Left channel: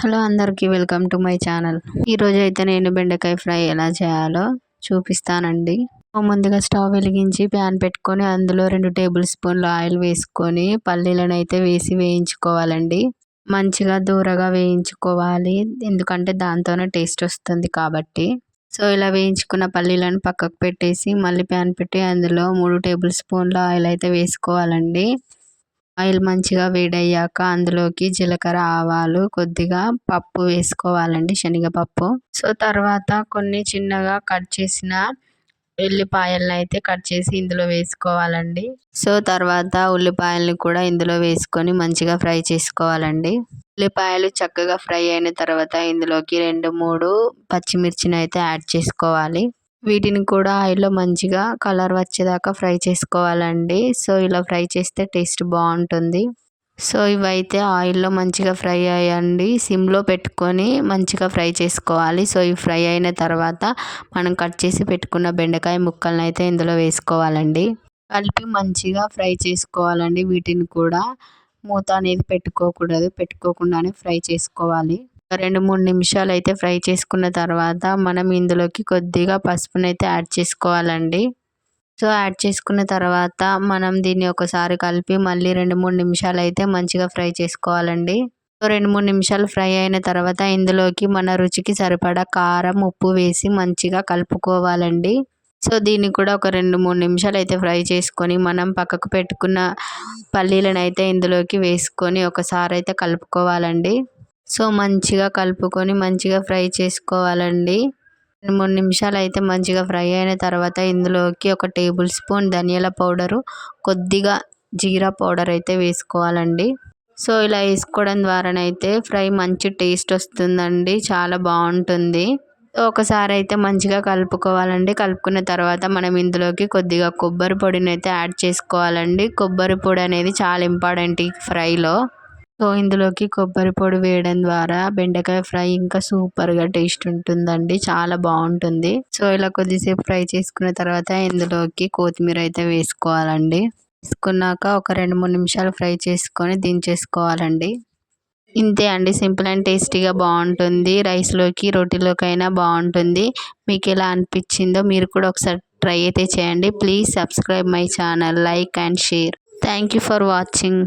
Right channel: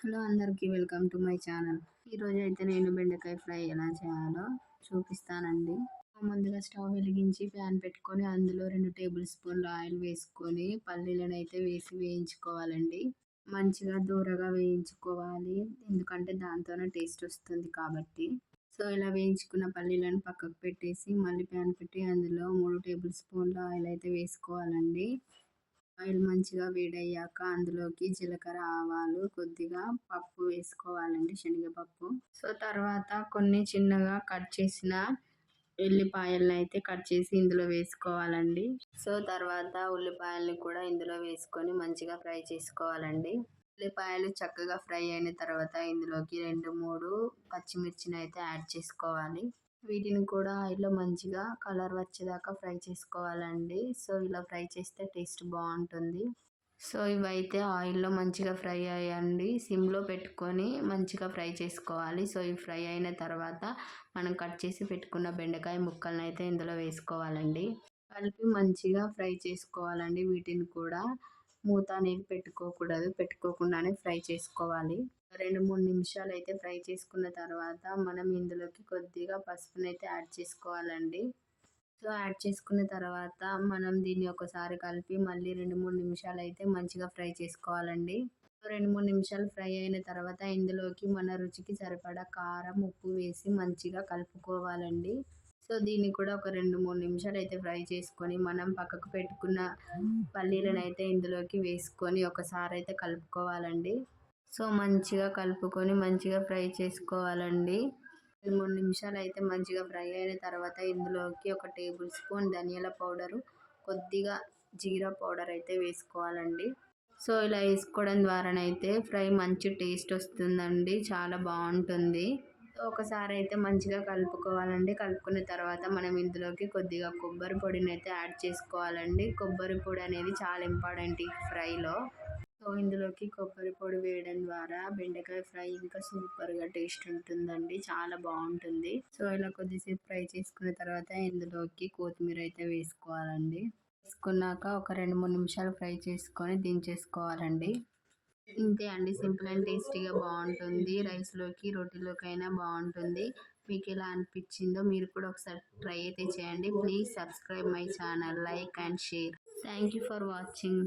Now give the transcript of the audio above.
Hello అందరికీ welcome to my channel. ఈరోజు అయితే నేను బెండకాయ ఫ్రై ఎలా చేయాలో చూపిస్తానండి. ముందుగా స్టవ్ వెలిగించి ప్యాన్ పెట్టుకొని అందులో 2 టేబుల్ స్పూన్ల ఆయిల్ వేసుకొని పల్లీలను అయితే వేసి వేయించుకోవాలండి. మంచిగా దూరగా వేయించుకోవాలి, ఎందుకంటే దాంతోనే టేస్ట్ వస్తుంది కాబట్టి. సో ఇలా వేయించుకున్న పల్లీలను పక్కకు పెట్టేసి మళ్ళీ ప్యాన్ పెట్టి అందులో 3 టేబుల్ స్పూన్ల ఆయిల్ అయితే వేసుకోవాలండి. ఆయిల్ మంచిగా వేడయ్యాక అందులోకి జీలకర్ర, ఆవాలు, కొద్దిగా పప్పు వేసుకోవాలండి, శనగపప్పు. సో తర్వాత కొన్ని చిన్నగా కట్ చేసిన ఉల్లిపాయలను అయితే కట్ చేసి ఇందులో వేసుకోవాలండి. సో తర్వాత ఉల్లిపాయలను కూడా ఇందులో వేసుకొని మంచిగా ఫ్రై చేసుకోవాలండి. ఉల్లిపాయలు చక్కగా ఫ్రై అయిన తర్వాత ఇందులోకి 2-3 పచ్చిమిర్చిని అయితే యాడ్ చేసుకోవాలి. వీటిని కూడా ఆయిల్లో మంచిగా కలర్ వచ్చేదాకా ఫ్రై చేసుకోవాలండి. సో ఇలా ఫ్రై చేస్తే టేస్ట్ బాగుంటుంది. సో ఇవైతే ఆయిల్లో మంచిగా ఫ్రై అయ్యండి, సిమ్లో పెట్టుకొని మంచిగా ఫ్రై చేసుకోవాలి. సో ఇవి ఫ్రై అయిన తర్వాత మనం కట్ చేసి పెట్టుకున్న బెండకాయ ముక్కలను అయితే ఇందులో వేసుకోవాలండి. కలిపి మంచిగా ఫ్రై చేసుకోవాలండి. వీటిని కూడా మూత అనేది పెట్టుకోకుండానే ఫ్రై చేసుకోవాలి. 2-3 నిమిషాలు అయితే ఫ్రై చేసుకున్న తర్వాత మనం ఇందులోకి కొద్దిగా పసుపునైతే యాడ్ చేసుకోవాలండి. సో యాడ్ చేసుకున్న తర్వాత మనం దీన్ని ఒకసారి కలిపి మళ్ళీ 2-3 నిమిషాలు అయితే మంచిగా ఫ్రై చేసుకోవాలండి. సో 2-3 నిమిషాలు ఫ్రై అయిన తర్వాత ఇందులోకి మన రుచికి సరిపడా కారం, ఉప్పు వేసి మంచిగా కలుపుకోవాలండి. సో దీన్ని కూడా ఒక 2-3 నిమిషాలు అయితే ఫ్రై చేసుకొని మనం పక్కకు పెట్టుకున్న పల్లీలను అయితే ఇందులోకి వేసుకొని ఒకసారి అయితే కలుపుకోవాలండి. సో మంచిగా కలుపుకొని మంచిగా ఫ్రై చేసుకోవాలండి. 2-3 నిమిషాలు అయితే మంచిగా ఫ్రై అయిన తర్వాత ఇందులోకి 1 టేబుల్ స్పూన్ ధనియాల పౌడరు, కొద్దిగా జీరా పౌడర్ అయితే వేసుకోవాలండి. సో ఇలా వేసుకోవడం ద్వారానైతే ఫ్రై మంచి టేస్ట్ వస్తుందండి, చాలా బాగుంటుంది. ఒకసారి అయితే మంచిగా కలుపుకోవాలండి. కలుపుకున్న తర్వాత మనం ఇందులోకి కొద్దిగా కొబ్బరి పొడిని అయితే యాడ్ చేసుకోవాలండి. కొబ్బరి పొడి అనేది చాలా ఇంపార్టెంట్ ఈ ఫ్రైలో. సో ఇందులోకి కొబ్బరి పొడి వేయడం ద్వారా బెండకాయ ఫ్రై ఇంకా సూపర్గా టేస్ట్ ఉంటుందండి, చాలా బాగుంటుంది. సో ఇలా కొద్దిసేపు ఫ్రై చేసుకున్న తర్వాత ఇందులోకి కొత్తిమీర అయితే వేసుకోవాలండి. వేసుకున్నాక ఒక 2-3 నిమిషాలు ఫ్రై చేసుకొని దించేసుకోవాలండి. ఇంతే అండి, సింపుల్ అండ్ టేస్టీగా బాగుంటుంది. రైస్లోకి, రోటీలోకైనా బాగుంటుంది. మీకు ఎలా అనిపించిందో మీరు కూడా ఒకసారి ట్రై అయితే చేయండి. Please subscribe my channel, like and share. Thank you for watching.